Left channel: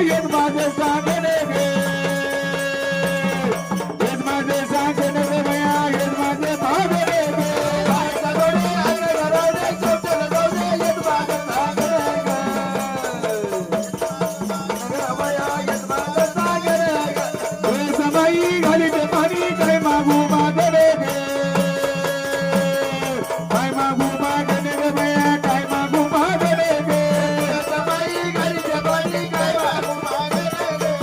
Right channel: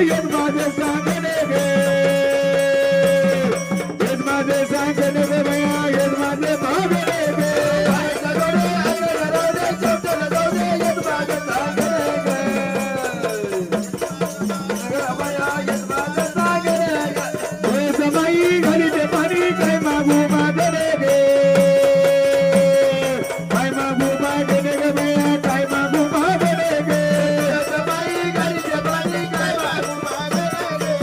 येत माझे सांगणे गे येत माझे सांगणे गे भया येत माझे भागणे गे समाई घाली ते पाणी काय मागू मागणे गे काय मागू मागणे गे भया काय मागू मागणे गे समाई घाली ते पाणी काय मागू मागणे गे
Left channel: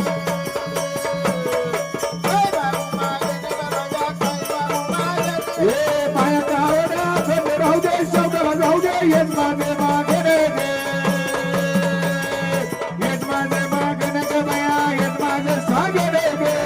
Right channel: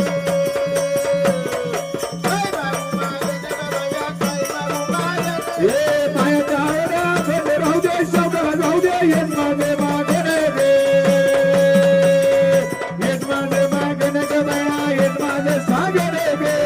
काय मागू मागणे गे भया काय मागू मागणे गे पायाच्या आवड्या सगळे राहू दे शौकाला जाऊ दे येत माझे मागणे गे येत माझे मागणे गे भया येत माझे सांगणे गे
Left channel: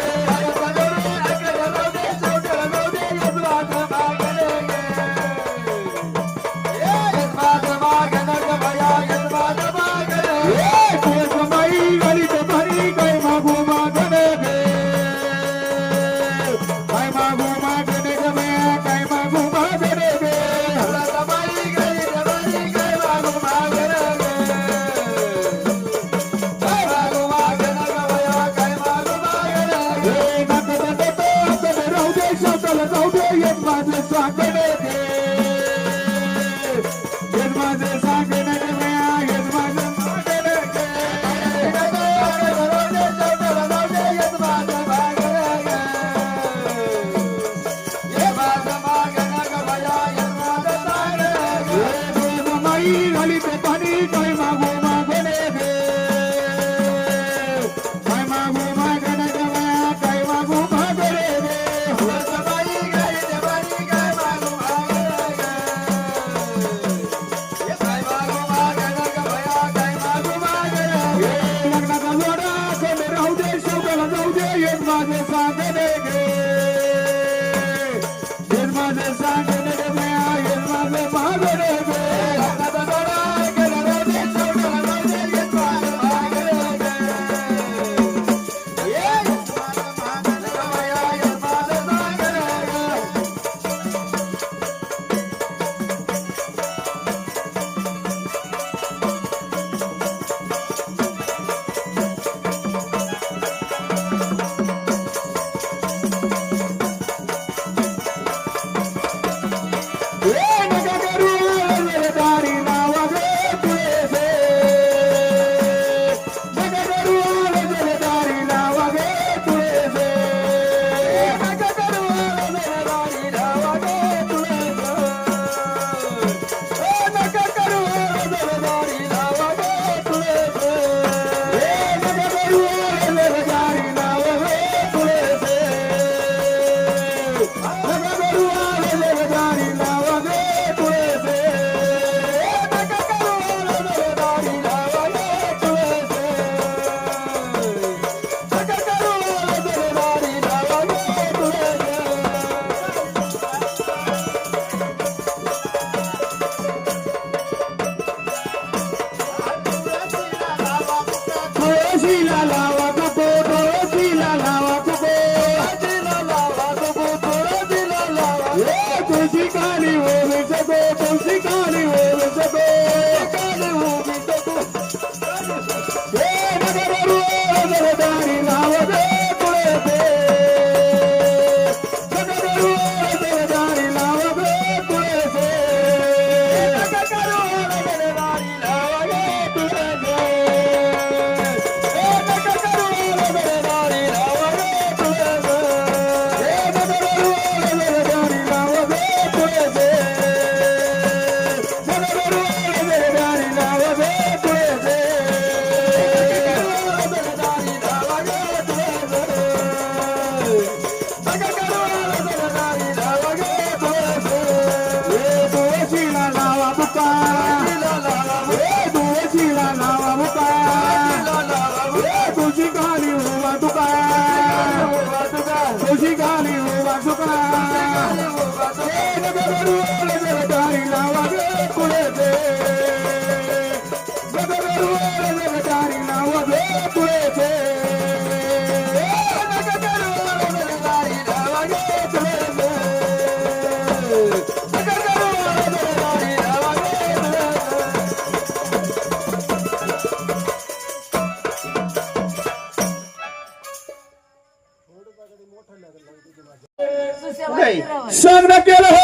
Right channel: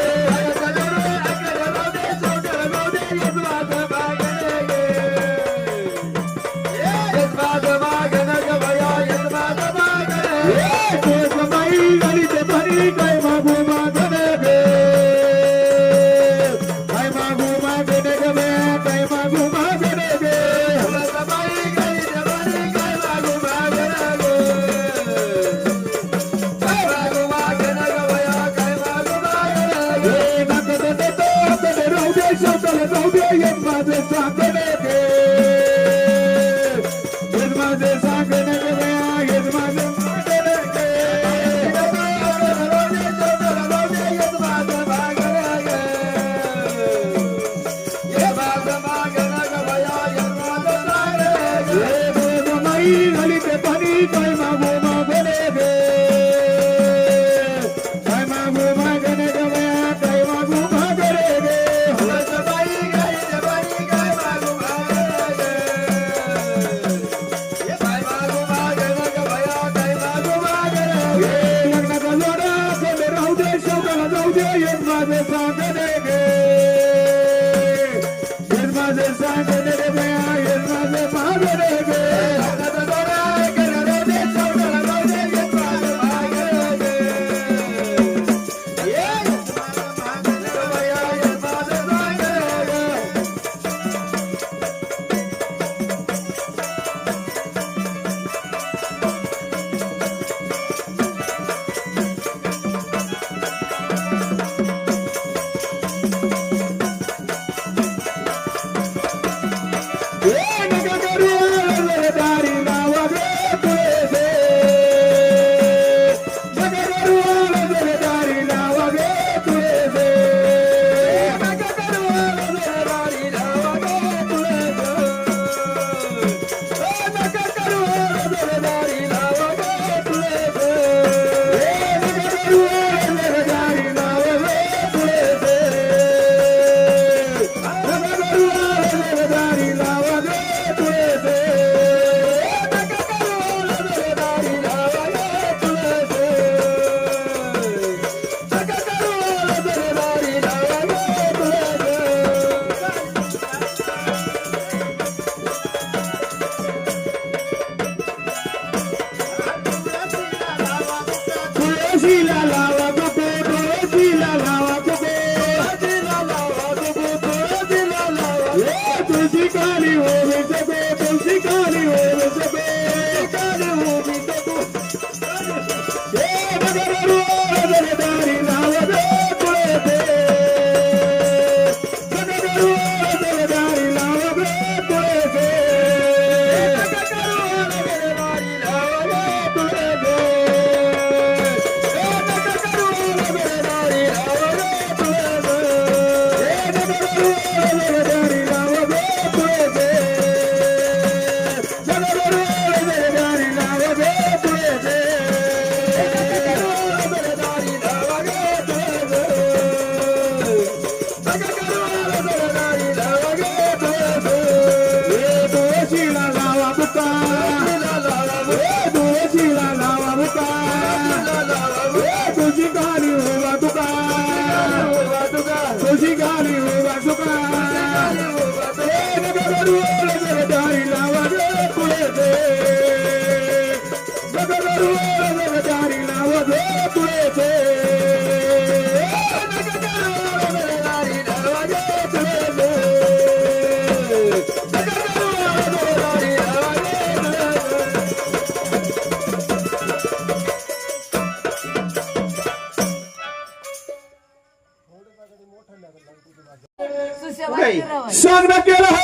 सांगणं केलं हो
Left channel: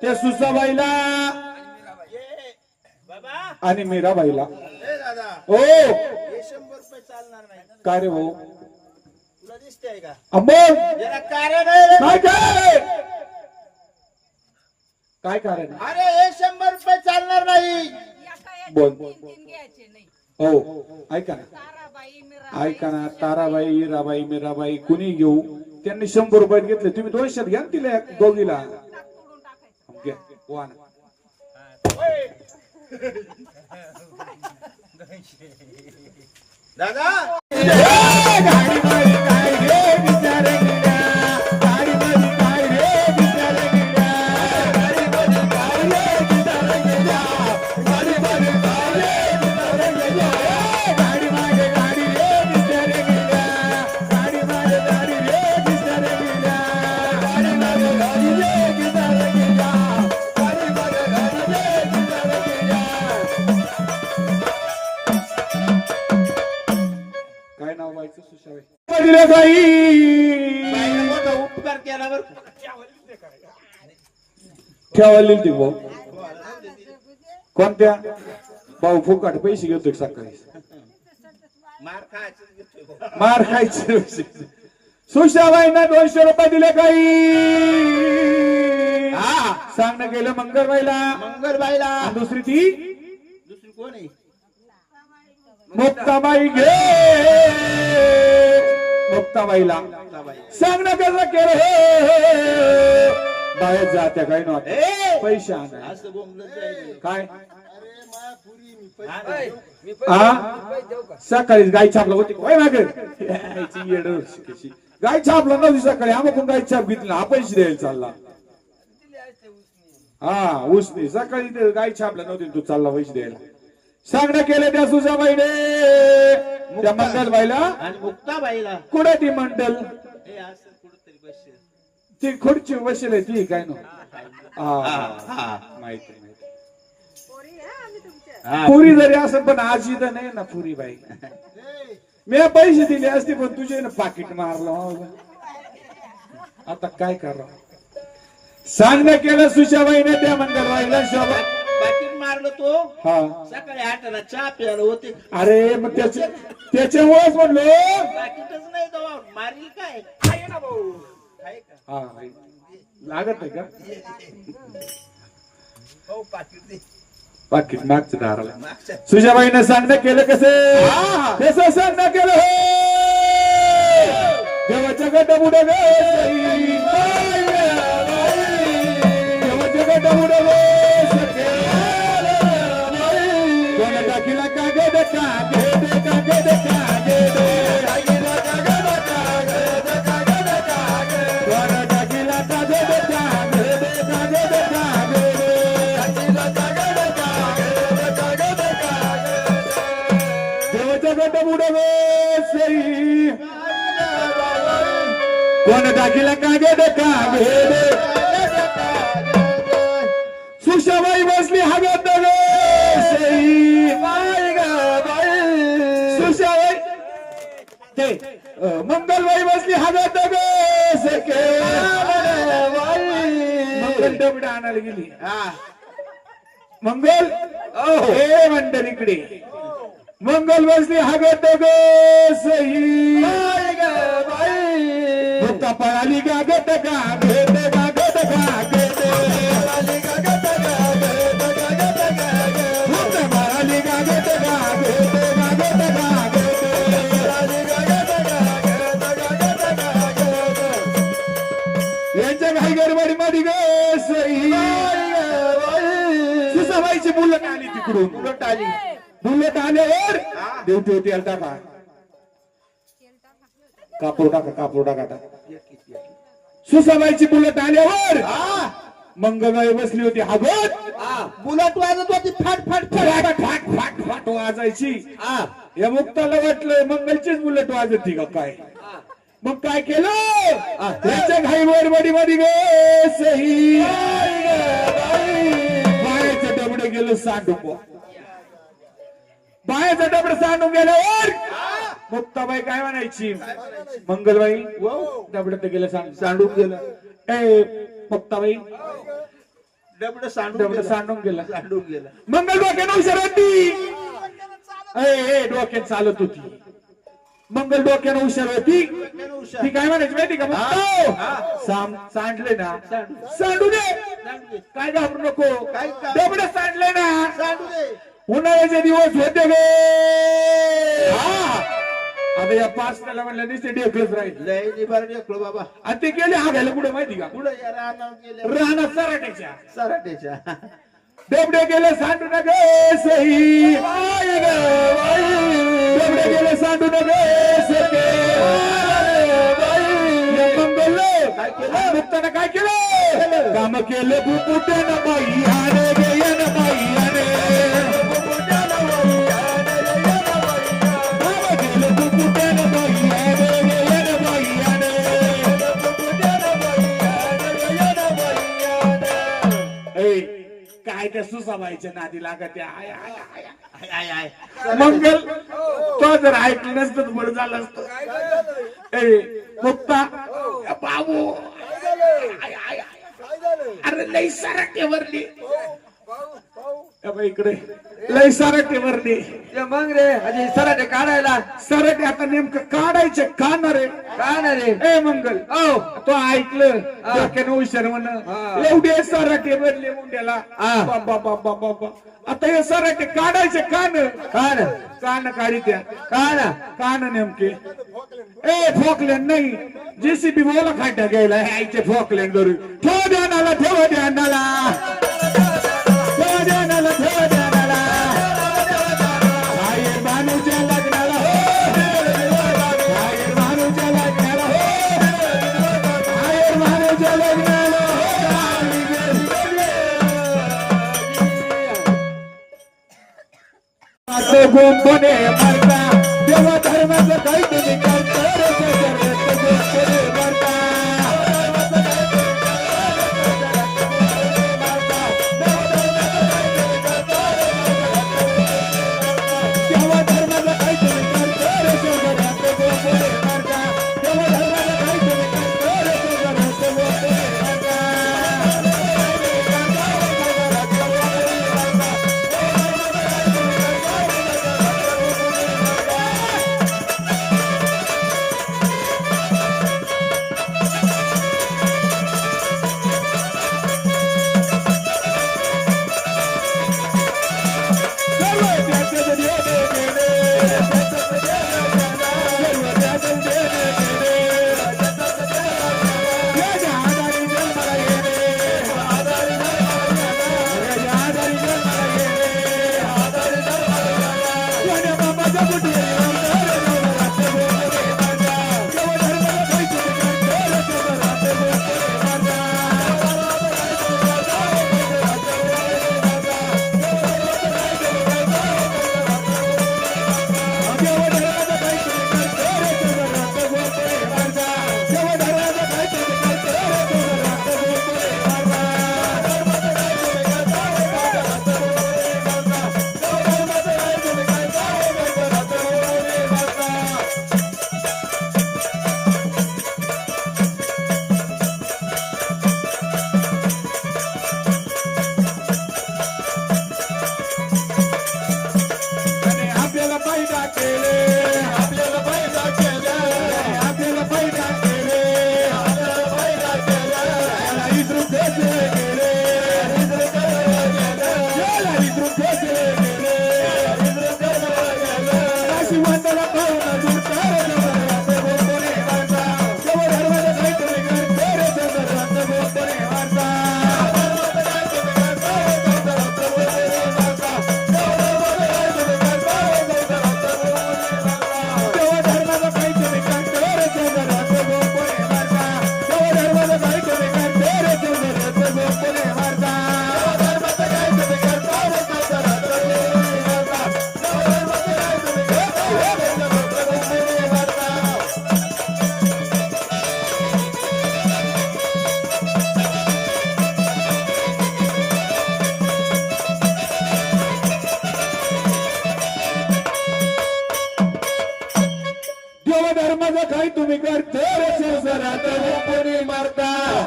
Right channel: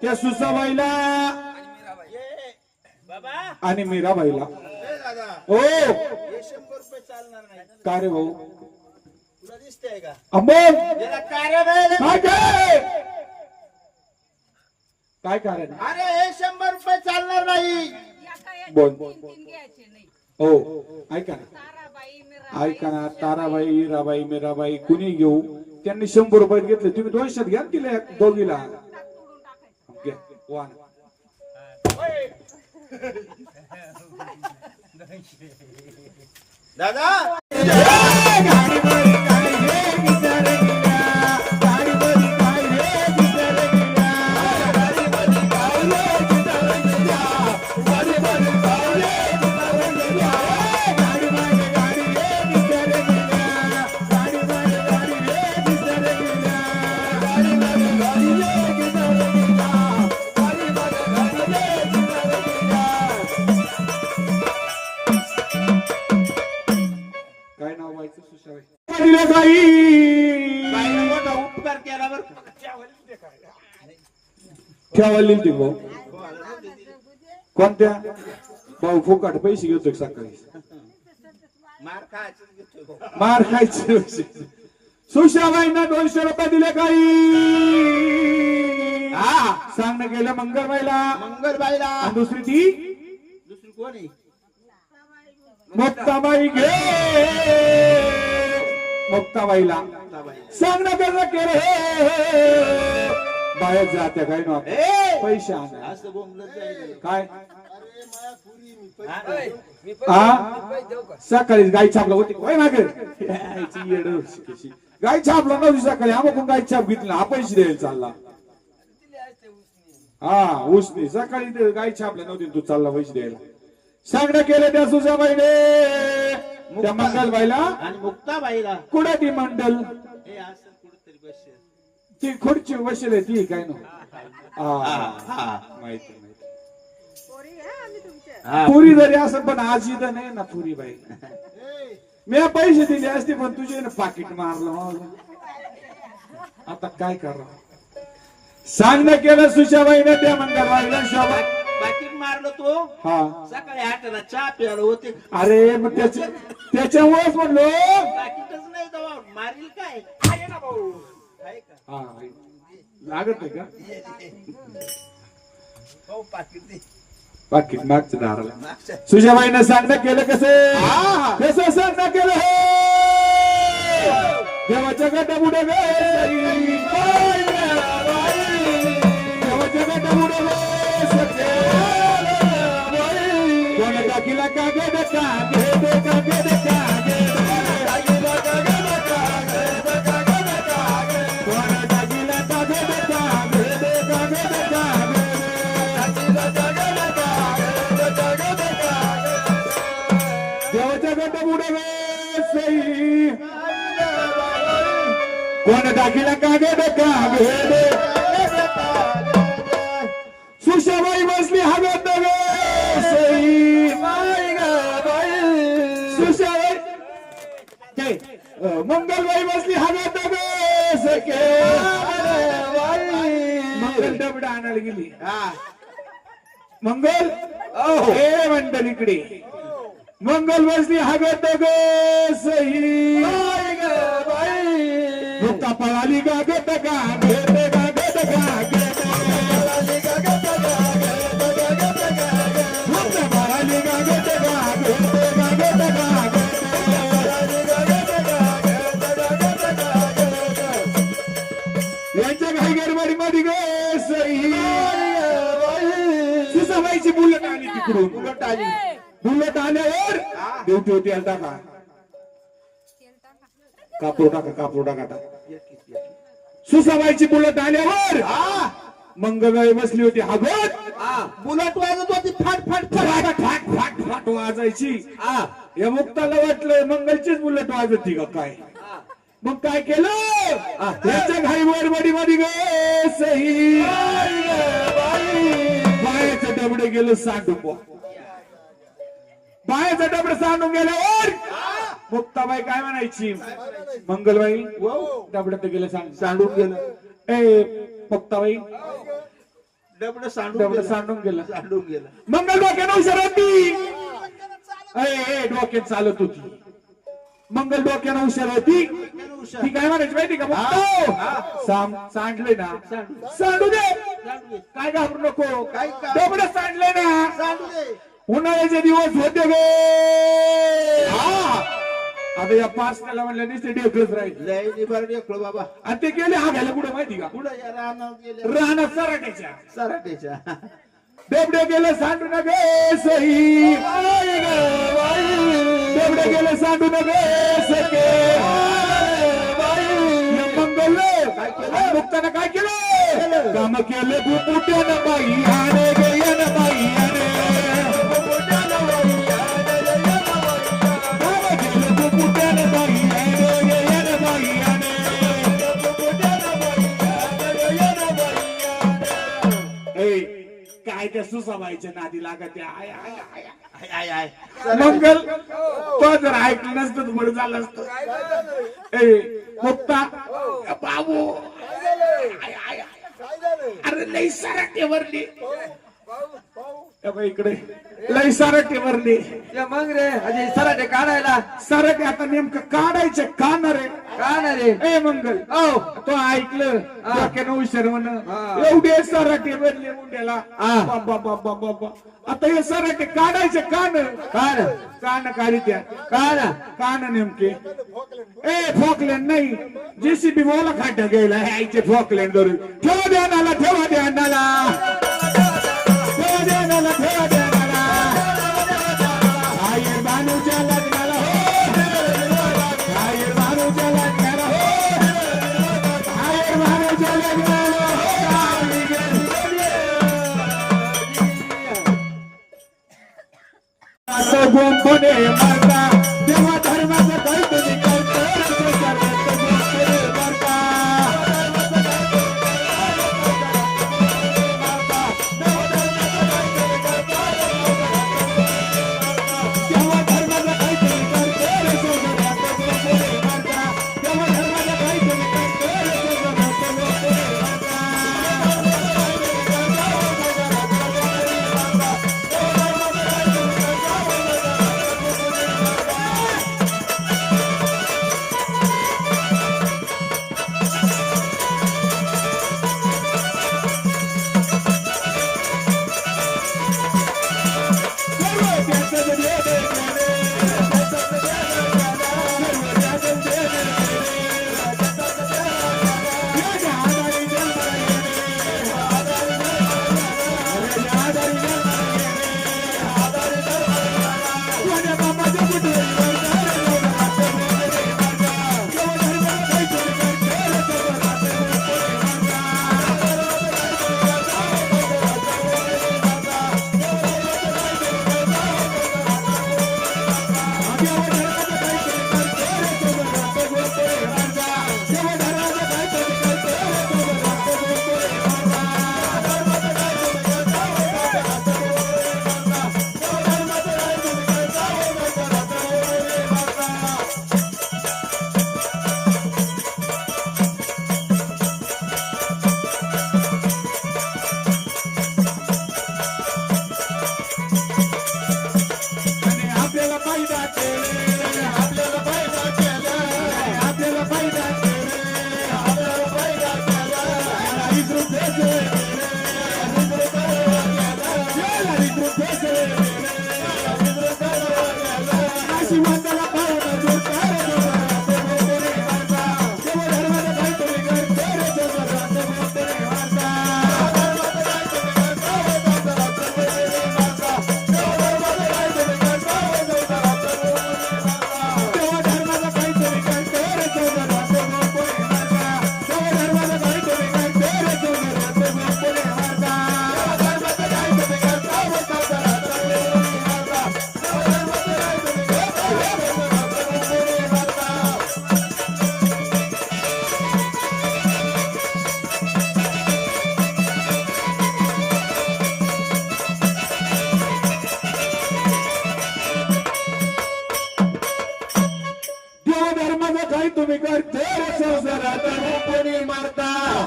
त्या सुसाबाईला आणि मीराबाईला. हो काय रे भाऊ तुला दिसतंय का अंबोल काय काय कारण? अरे हे 100 रुपये चालणार नाही. बोल हो ऐका ना ऐका ना ताराबाई मीराबाई मीराबाई कुणी घेऊ त्यांनी 100 रुपये घेतले तुम्ही 200 घ्या ना तिला दोघीला घ्या वन. दादा काय नाव व्हायचं सुशाबाई मोठा उपकार केल्यावर ठेवायला ती भाऊ कोणत्या भाऊ फुकट पैसे घेतो सकाळी मार खायचं मार खायचे. सुशाबाईंना 200 रुपये दिले काही सांगणं गेलं मंगलबाईला मंगलबाईला आणि दुसरी ती दुसरी कोण आहे मुक्ताबाई घे मुक्ताबाईला सांगणं केलं बाहेर जात्या काही नव्हते पैसे आणा असं बोंबलं जाईल. काय मी सकाळी गाय छापला होती काय ना गाय छापला नव्हती सकाळी आम्हाला गाय छाप घेतली हा पैसे द्यायला चालला. हा उसनी सकाळी ते गाय छापल्या नव्हती तू चालला पैसे द्यायला. सांगणं केलं त्या सुजाबाईने त्या मंगलबाईला आणि मुक्ताबाईला कुठे ती मंडल हे असं कुठेतरी बसशील. ती खुर्ची बसेल ती काय ना माहिती पुरी जरी असं पण आजी तर नाही ना पुरी बाई मी पैसे दिले असते पण तुझे ना पाकिट मारलं आता काय करा. सांगणं केलं सुशाबाईने त्या मंगलबाईला शोभा बाकी मारलं तो हा सकाळी 8ला चहा प्यायला होते. अरे मग त्याच्यामुळेच म्हणलो बाकीच नाही तो मारील काय आहे ना भाऊ आहे का हा लागत आहे का भाऊ पाकिट दे पाकिट मागचं दाराला. मागच्या सुजाबाईनं सांगणं केलं कसं सांगणं केलं हो देवाच्या गट बुडे देवाच्या गट बुडे कोण टाकीला कागद कागद कागद कागद कोण टाकीला कागद कागद देवाच्या गट बुडे कोण टाकीला कागद कागद सुशाबाई बसली हवेत सुशाबाई मंगलबाई बसली हवेत मंगल डबडा आणायला गेली. मंगल हे मंडल इकडे मंगल बसली हवेत सही भुक्ता पळाली गागत गागत गागत गागत भुक्ता पळाली गागत गागत यांच्या घाई गडबडी मध्ये गे सही सुसाबाईची बुलेट आली तिकडून बुलेट आली बुलेट आल्यावर ड्युटी होती आलता का कापड टाका सुसाबाईची बुलेट आल्यावर मंगलबाई बसली होती हागत बुलेट वाजत होती फाट फाट फाट फाट फाट फाट वाजायची. या मुक्ताला वाटलं मंगलचीच बुलेट वाजती का काय मग काय केलं त्याच्या घाई गडबडी मध्ये गे सही बायाचं डबडे गेलं सांडून बायाचं डबडं सांडून गेल्यावर मुक्ताबाई काय म्हणायची मंगलबाई हो डबडत गेलं सांग सांडून गेलं ए मुक्ताबाई डबड सांडून डबडं गेलं सांडून गेलं सांडून गेलं मंगल डोक्यानं हुशार होती ए डोक्यात चालत होती मंगल डोक्यानं हुशार होती ती काय म्हणायची माहिती का सांडले ना सांडू दे काय घाबरू नको काय डबड सांडले ना सांडू दे उन्हाळ्याचे दिवस होते गे आता या पाच त्याला म्हणलं नुसते डेकलच राहील लय निभार ढेकलो बाबा आणि ते गेले हागायला कुठं माहिती का पुढे या रानावर गेले राहणार सराट्याच्या सराट्याच्या डेबडे गेले सांडून गे सही डेबडे गेले सांडून गे सके मंगल काय केलं? मुक्तानं काय केलं काम केलं बुपुट्यानं बाई आणे गेन बाई आणे काम केलं बुपुट्यानं बाई आणे गेन बाई आणे ए काय त्या सुसाबाईच्या नादी लागत आहे. I, I, I. मंगल तो जर ऐकलं नसतं तर बरं झालं असतं ए मुक्ता बाबू आय, आय, आय. अरे लई सराटेवरली इकडे लई सराटेवरली मग रे अजय सराटे काढायला सराटे आता नेमकं काढायचे का ना रे का ना रे ए मंगल तो ऐकलं डोक्यानं हुशार म्हण एवढे सराटे भरले मुंड्याला बाबा बाबा बाबा आता हे सराटे काढायचे कान कान कान काढी त्या कान कान नेमके ए फोकलँड नाही जेसीबी बोला खाट्या घ्यायला आईचे फोकलँड धरून ठेव ध्यानाला ठेव ध्यानाला ठेव ध्यानाला ठेव ध्यानाला बाहेर भानूच्या लग्नाला हो बाहेर भानूच्या लग्नाला हो बाहेर भानूच्या लग्नाला हो गोंबने मारता तेव्हा धर्माचं काहीतरी करतो रे गोंबने मारता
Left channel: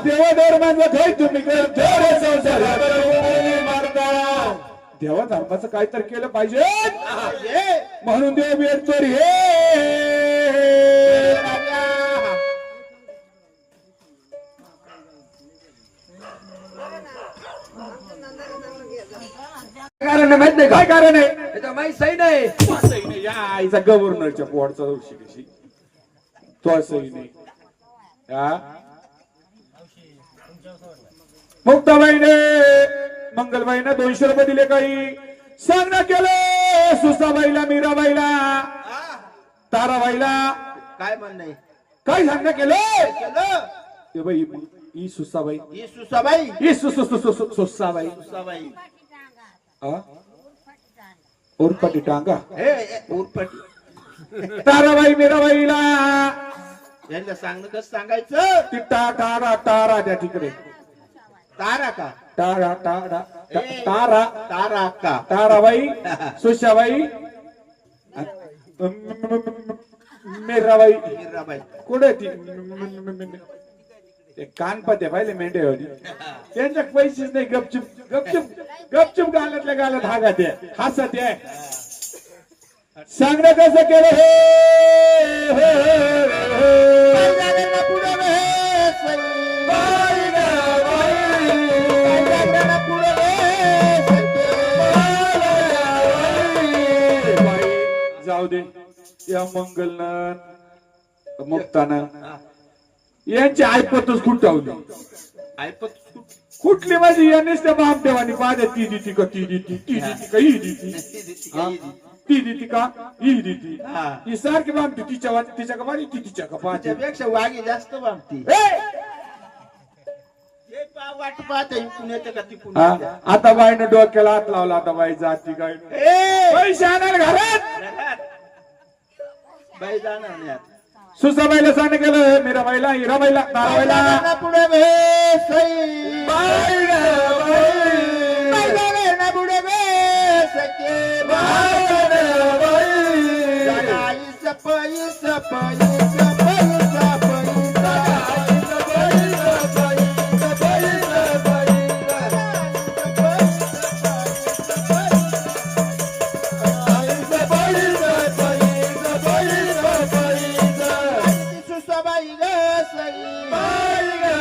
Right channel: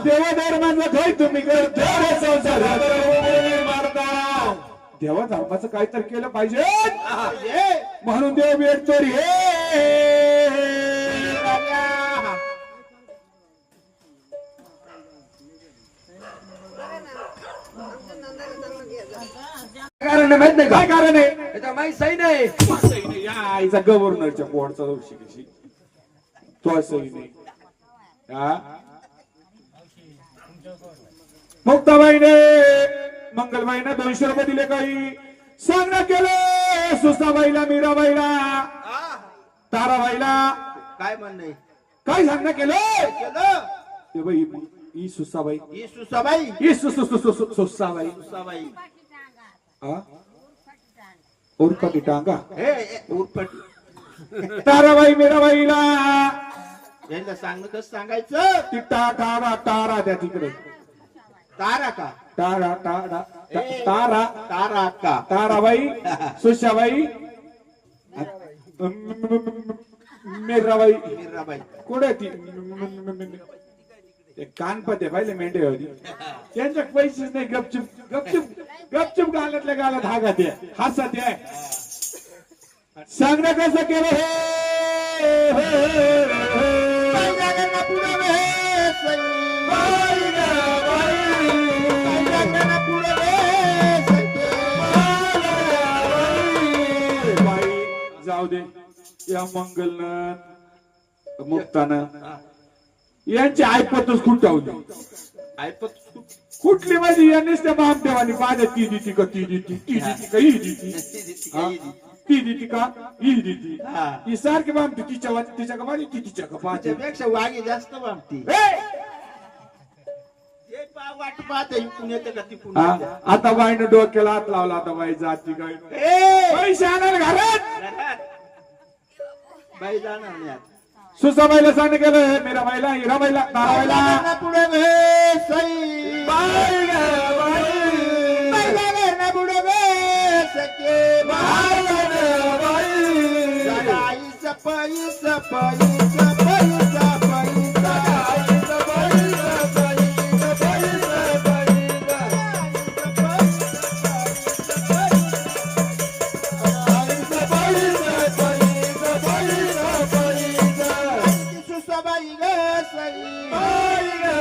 देवा धर्माचं काय तुम्ही करतो रे संसार देवा धर्माचं काहीतरी केलं पाहिजे म्हणून देव भेटतो रे कारण माहित नाही काय का कारण आहे त्याच्या माहित सही नाही सही नाही. या आईचा गव्हर्नरच्या पोटचा दोषी कशी तो सही नाही हा मुक्ताबाईने मंगलबाईना 200 रुपये दिले काही सांगणं केलं सुस्ताबाईला मीराबाईला ताराबाईला काय म्हणणं काय सांगणं केलं केलं ते बाई ही सुस्ताबाई ही सुसाबाई ही सुस्ताबाई सुसाबाई हा उरपटी टांगा हे उरपटी ताराबाई मीराबाईला यांना सांगणं कसं सांगायचं ती तारा त्या तिकडे तारा का तारा तारा तारा का ताराबाई सुशाबाई मीराबाई मीराबाई कुठे ती ते कानपते पाहिले मेंढे होती त्यांच्या पैसेच नाही गपचूप गपचूप गाल्यातल्या गाल्यात हागात आहे हसत आहे सांगणं कसं केलं जाऊ दे या मंगलनं मुक्तानं यांची ऐपतच खुंटावली ऐपत कुठली माझी यांनीच त्या बामदेवानी पाहिजे ती देती का ती देती ती देती का ही देती हा? ती देती का ही देती हा. ही सारखी बामती तिच्या का पाहिजे ती तिच्या का पाहते त्यापेक्षा वाघी जास्त बांधती वाट पाहते इकडून येते का तिकडून हा? येते. आता बाईनं डोक्याला हात लावला आता बाई जाती काय ए, पैसे आणायला घरात घरात. बाई जाणार नाही आता. सुसाबाईला सांग केलं मीराबाईला हिराबाईला ताराबाईला बाईला पुढे बे, सई. बाईला पुढे बे, सखे. सगाई सफाई सफाई सफाई सफाई सुसाबाई ग सई.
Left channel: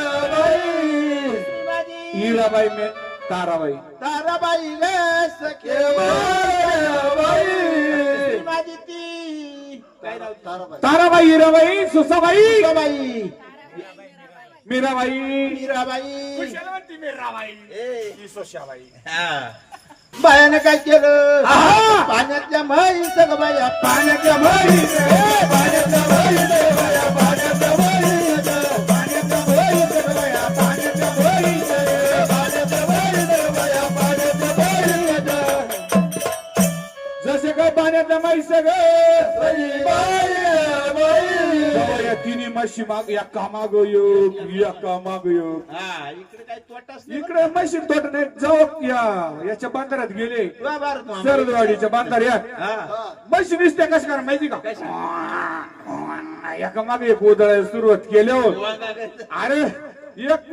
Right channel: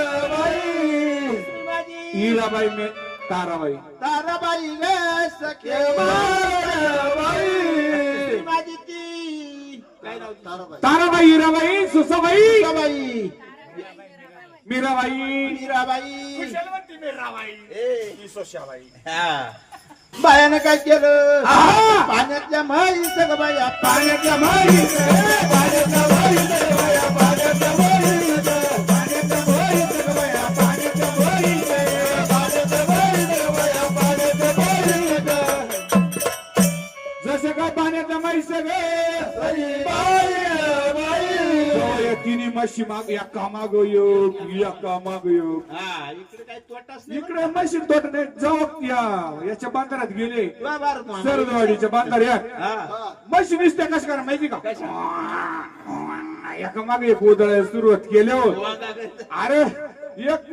हिराबाई में ताराबाई ताराबाई ग सखे. माझी ती काय नाव ताराबाई ताराबाई हिराबाई सुसाबाई सुसाबाई मीराबाई मीराबाई बायानं काय केलं आहा! पाण्यातल्या म्हैस ग बाया पाण्यातल्या म्हैस पाण्यातल्या म्हैस बाया पाण्यातल्या म्हैस पाण्यातल्या म्हैस बाया पाण्यातल्या म्हैस पाण्यातल्या म्हैस बाया पाण्यातल्या म्हैस जसे काय पाण्यातल्या म्हैस तिन्ही म्हशी माग या कामाग योग या कामाग योग हा इकडे काय तोटाच नाही इकडे म्हशी तोट नाही जाऊ याच्या बांधारात गेले वा भारत मामा. सरदवाडीच्या बांधार या हा म्हशी नुसत्या कशा करा माहिती का एका मागे एक उदळ सुरुवात केले हो अरे एक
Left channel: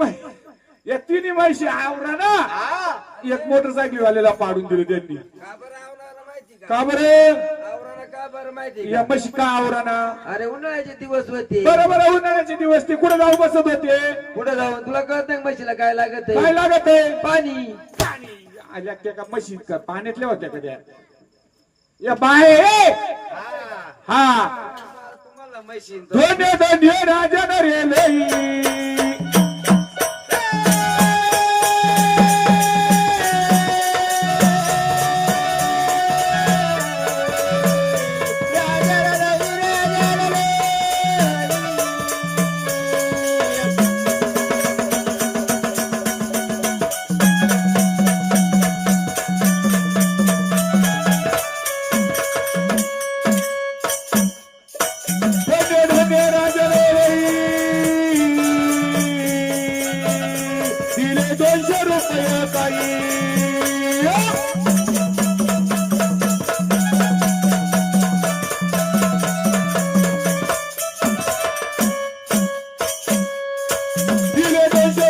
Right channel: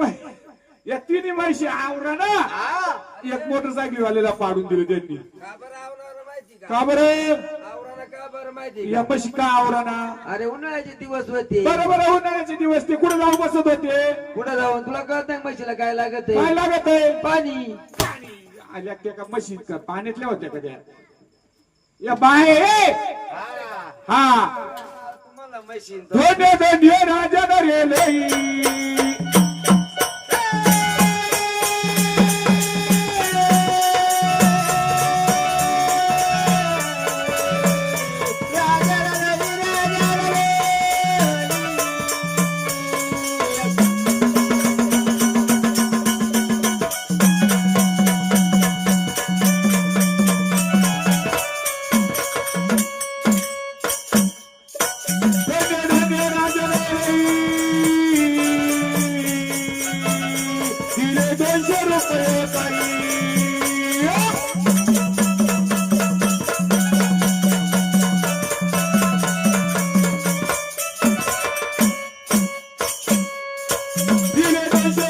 या तिन्ही म्हशी आवरा ना हा. एक मोटरसायकल वाल्याला पाडून दिले त्यांनी का बरं आवराला माहिती का का बरं आवराला का बरं माहिती या का म्हशी का आवरा ना अरे उन्हाळ्याचे दिवस होते बरोबर उन्हाळ्याचे दिवस ते कुठे जाऊन बसत होते पुढे जाऊन तुला कळत नाही म्हशीला काय लागत काय आहे लागत आहे पाणी आल्या त्या का म्हशी का पाण्यातल्या होत्या का त्या या बाहेर हा तुम्हाला म्हशी धोंड्या धोंड्या राजा नरेलई धोंड्या धोंड्या राजा नरेलई दिले 200 रुपये ताई दिले 200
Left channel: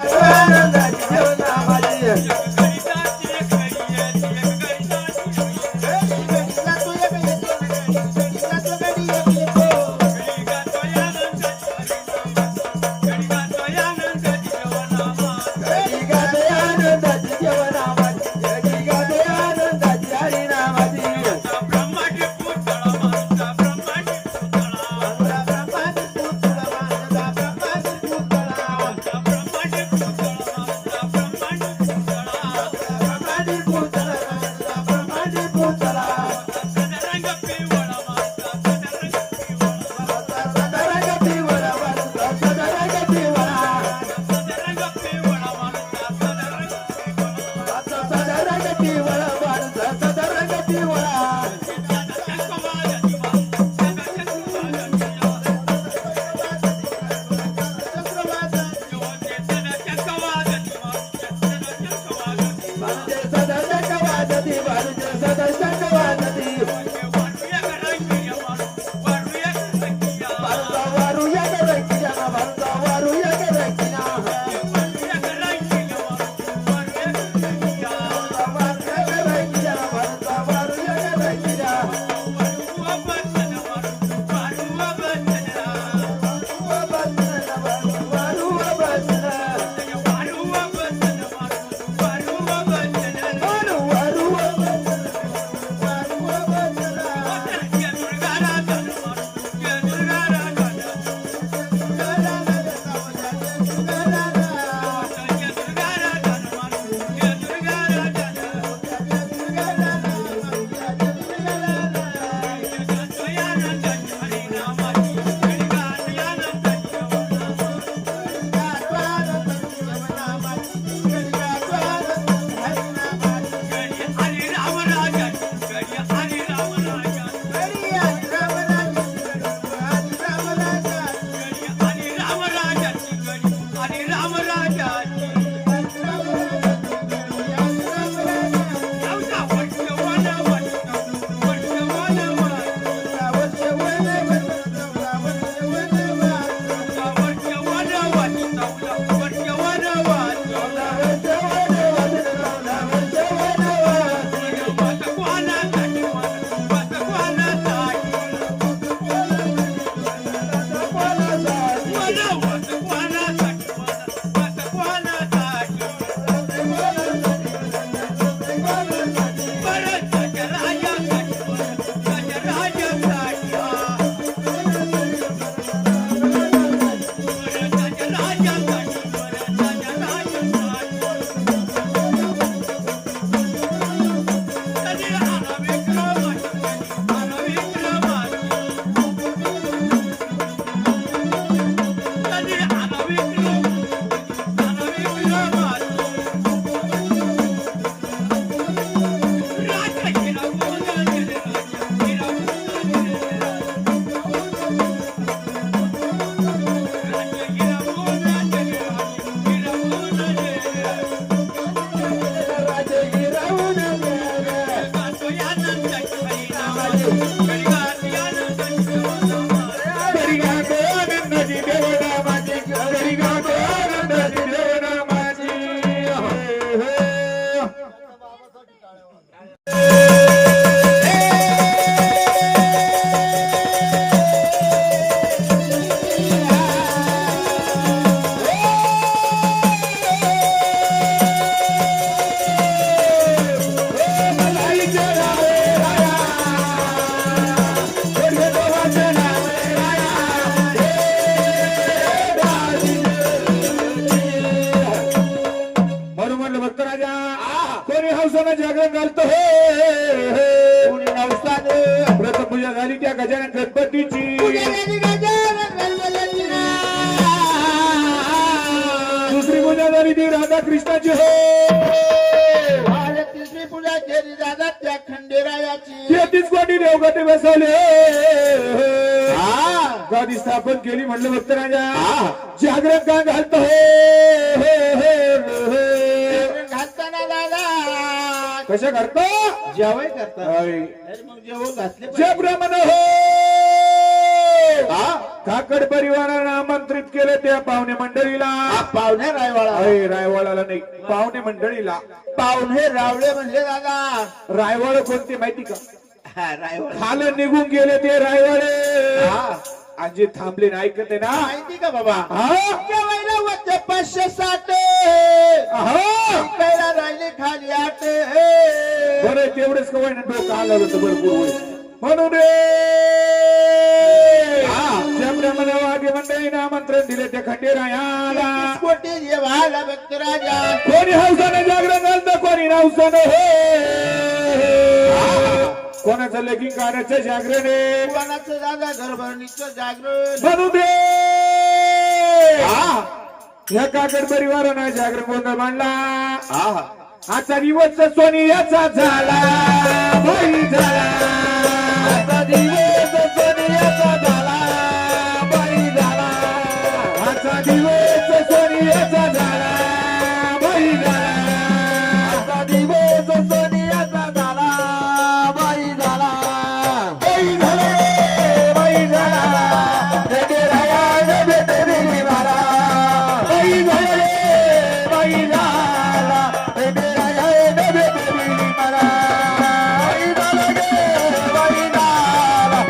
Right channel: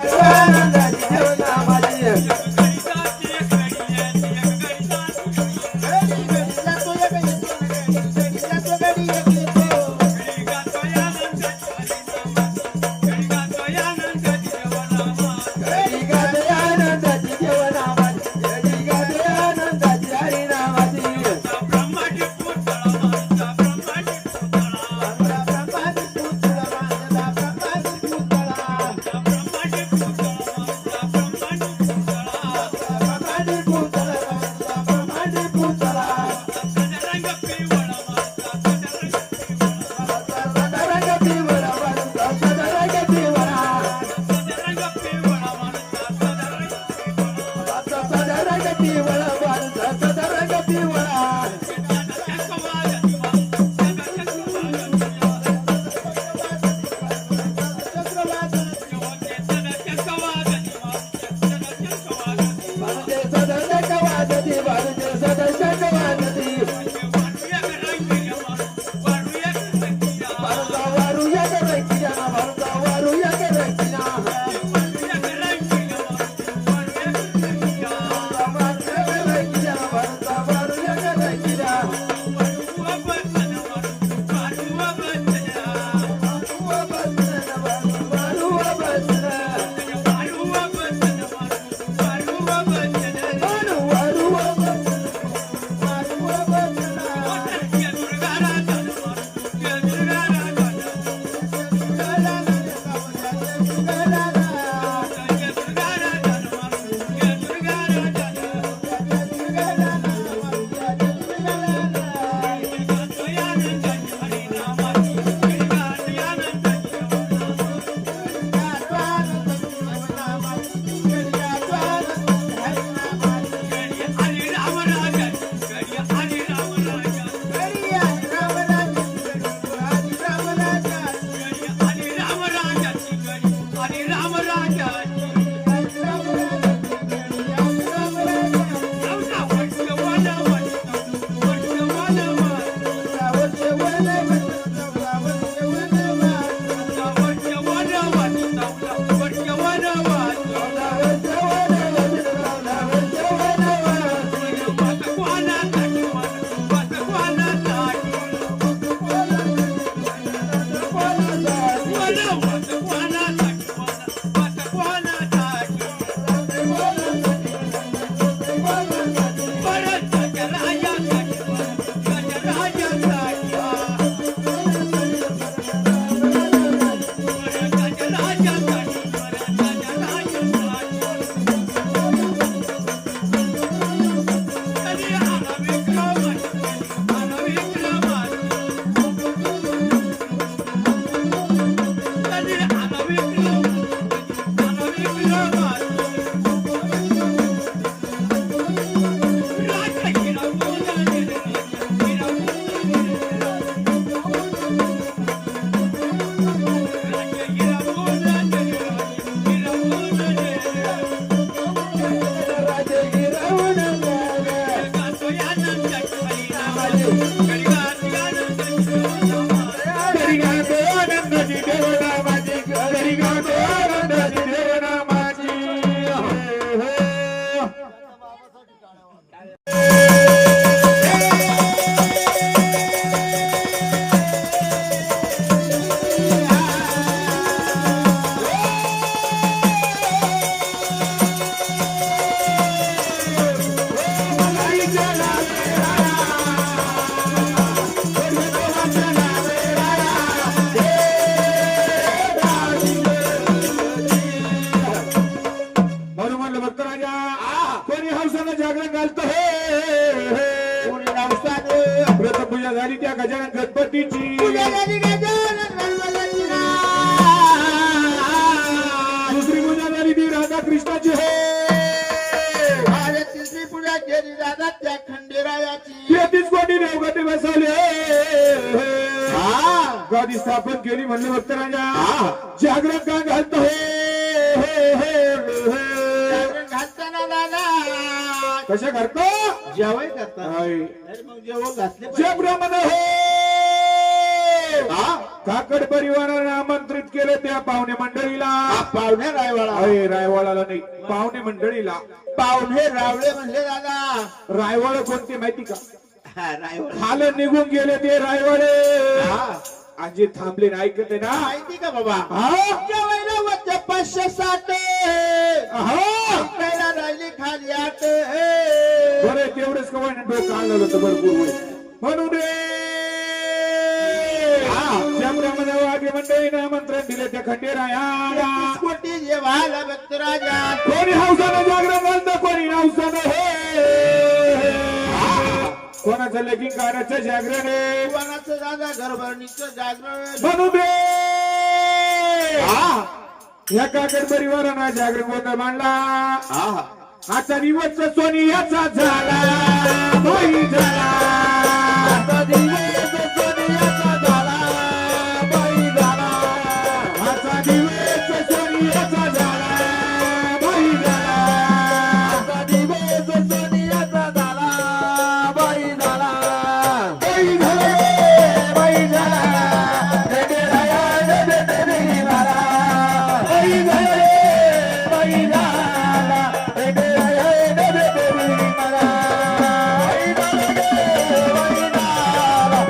आनंदाची जेवणा माझी जागरण घालतो व्रतपूजा झाली त्या गजानन गणपतीची दुसरी पूजा झाली ती राधा कृष्णाची हो तिसरी पूजा केली दादा त्या खंडेरायाची 33 कोटी देवगती बसवले गादी स्थापन केली म्हणलं भक्त राजा जागरण का घालतो घालताना दादा कशा करतो जेवण करता मग जेवण घातले जे ब्राह्मण हो काकड परिवारानं आमंत्रित केलं त्या पाहुणे मंडळीला. पाहुणे रायवाडा अरे रायवाडाला नाही, पाहुणे मंडळीला. पाहुणे रावळे म्हणले दादा. रायवाड कोणते माहिती का? हा रायवाडा खालं निघून गेले ते रायवाडे. हा आजी थांबले ना, ऐकते ना. माहिती का बाबा? हा जेवायला वरचे 507 हा. ऐकायला राहिले खाली 8. बरं तेवढेच कवाय डोकं आलं होतं भरपूर होईल म्हणून रे. ज्याप्रमाणे वाद्य मंडळीने आमंत्रण दिले त्या खंडेरायाला. कोटी जेवायला भक्त राजा. कोणी हौसानं जागरण घालतं, कोणी नवसानं हे. कोणाचं लगीन काढायचं जागरण आहे, कोणाचं दादा घरभरणीचं जागरण. म्हणून रे या काकड परिवारानं जागरण गोंधळ मांडला. आजचा दिवस सोनियाचा झाला, बाई झाला. आजचा दिवस सोनियाचा झाला, बाई झाला. आजचा दिवस सोनियाचा झाला, बाई झाला. आजचा दिवस सोनियाचा झाला, बाई झाला. बाई झाला, बाई झाला. रेडे राया रेडे रेडे मारा. बाई झाला, बाई झाला. रेडे राया रेडे रेडे मारा. बाई झाला, बाई झाला.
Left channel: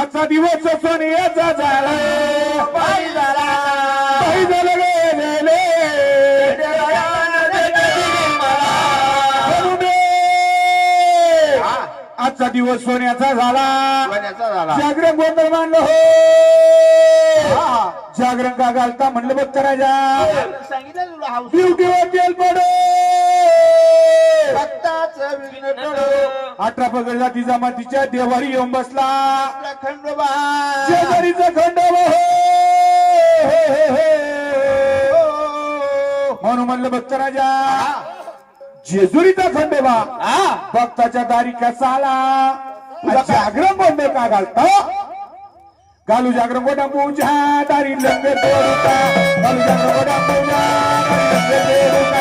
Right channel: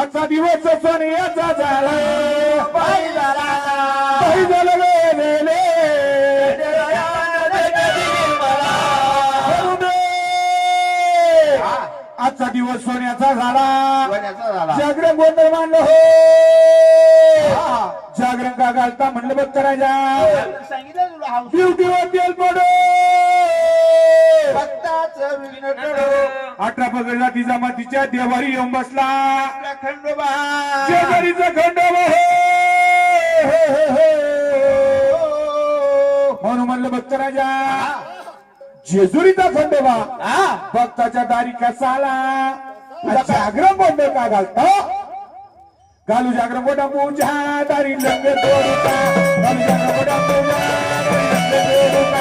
आजचा दिवस सोन्याचा झाला बाई झाला रे रे रे. म्हणून रे, आजचा दिवस सोन्याचा झाला सोन्याचा झाला. जागरण गोंधळ मानलं हो. जागरण का घालता म्हणलं बघ करायच्या सांगितलं तुला हाऊस ड्युटीवर तेल पडो भक्ताचं विघ्न टळो. 18 पगड जातीचा मातीच्या देवारी येऊन बसला आपला खंडोबा शेजारीचा खंडोबा हो. म्हणून म्हणलं भक्त राजा जेजुरीचा खंडोबा भक्ताच्या दारी कसा आला जागरण गोंधळ का घालता घालू जागरण गोडा पूजा दारी लंगर तोडूता घालू जागरण गोडा पूजा दारी लंगर तोडूता.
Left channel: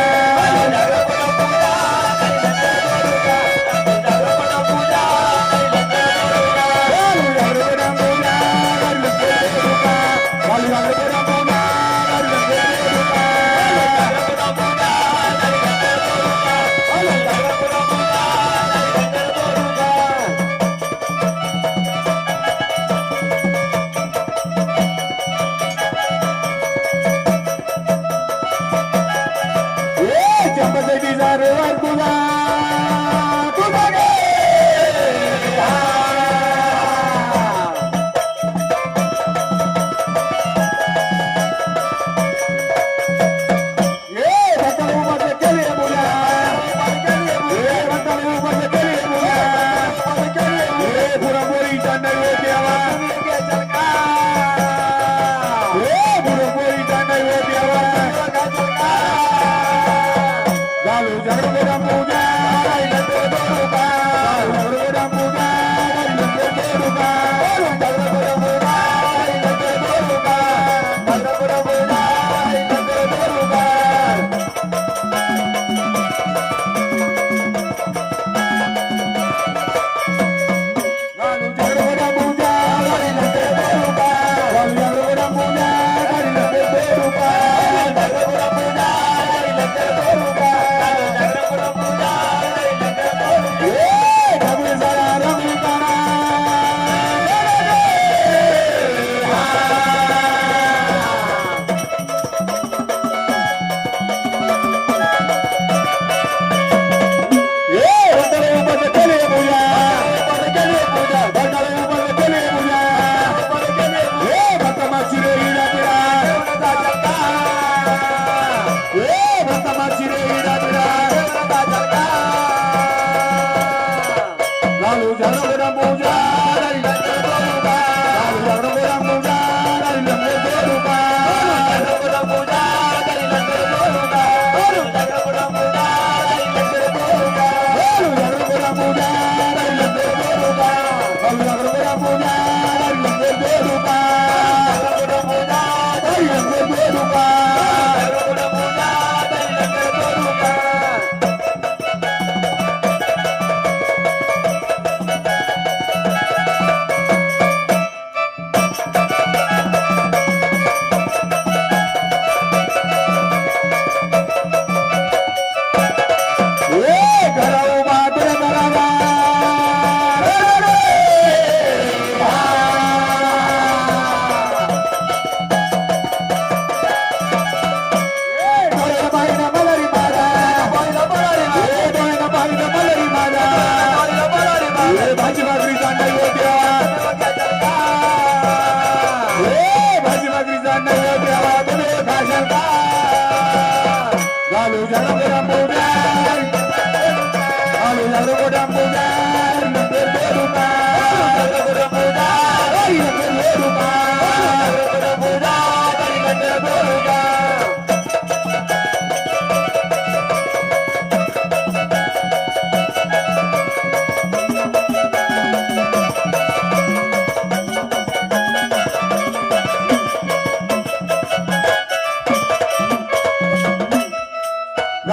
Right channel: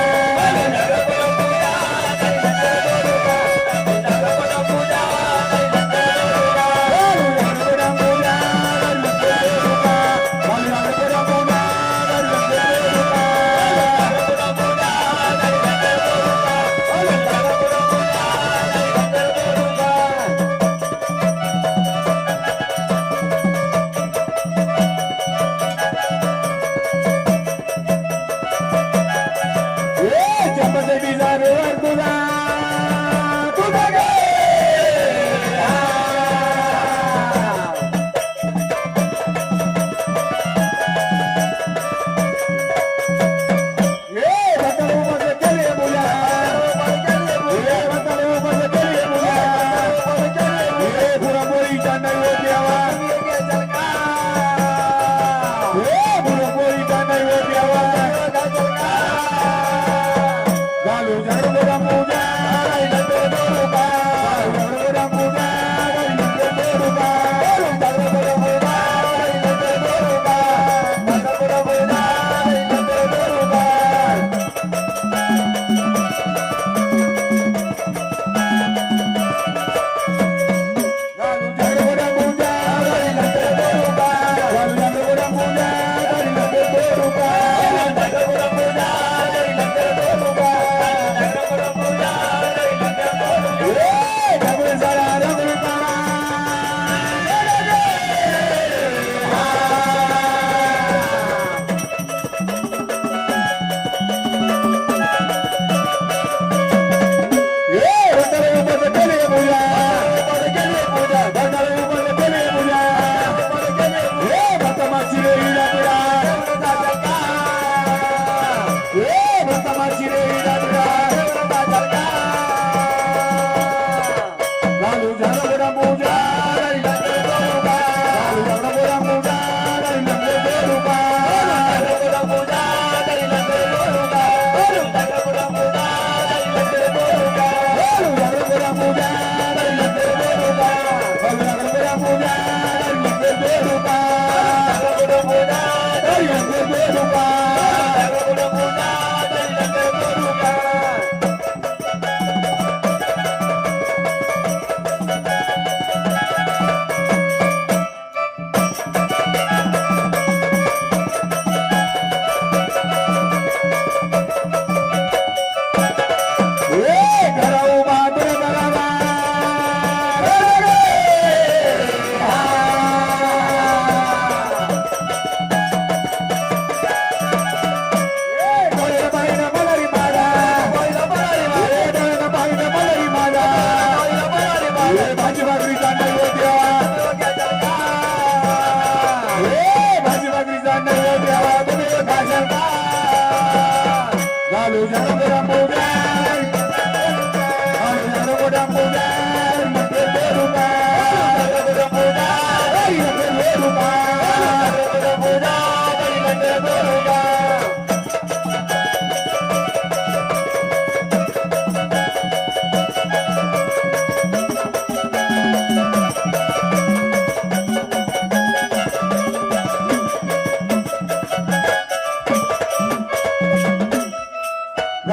Bye.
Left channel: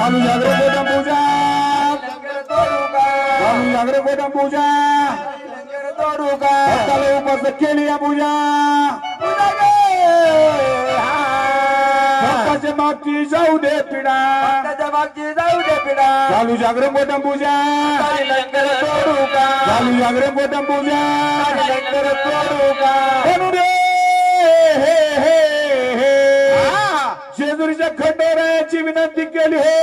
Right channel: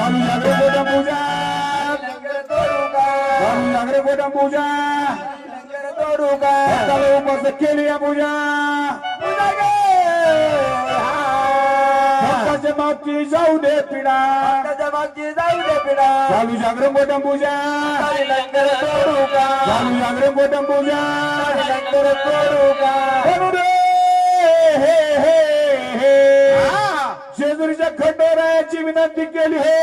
चालू जागरण गोटम पूजा लंगर तोडू का चालू जागरण गोटम पूजा लंगर तोडू का भक्ताला उपस्थित केली या पूजा पूजा गे भक्ताच्या मागची जाऊ दे पिढा त्याच्या मागची जाऊ दे पिढा चालू जागरण गोटम पूजा लंगर तोडू का चालू जागरण गोटम पूजा लंगर तोडू का म्हणून रे हे हे हे जेजुरीच्या खंडेरायाची विनंती केली हो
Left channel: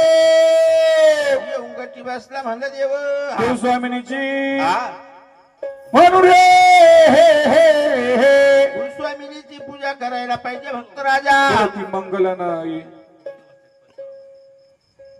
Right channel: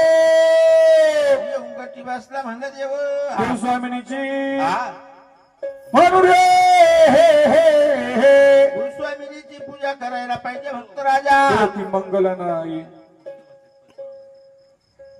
उंगटी बसला म्हणलं देव गुरुस्वामिनीची हा. म्हणून रे हे हे हे गुरुस्वामिनीची पूजा करायला पाहिजे भक्त राजा ती मंगल नाही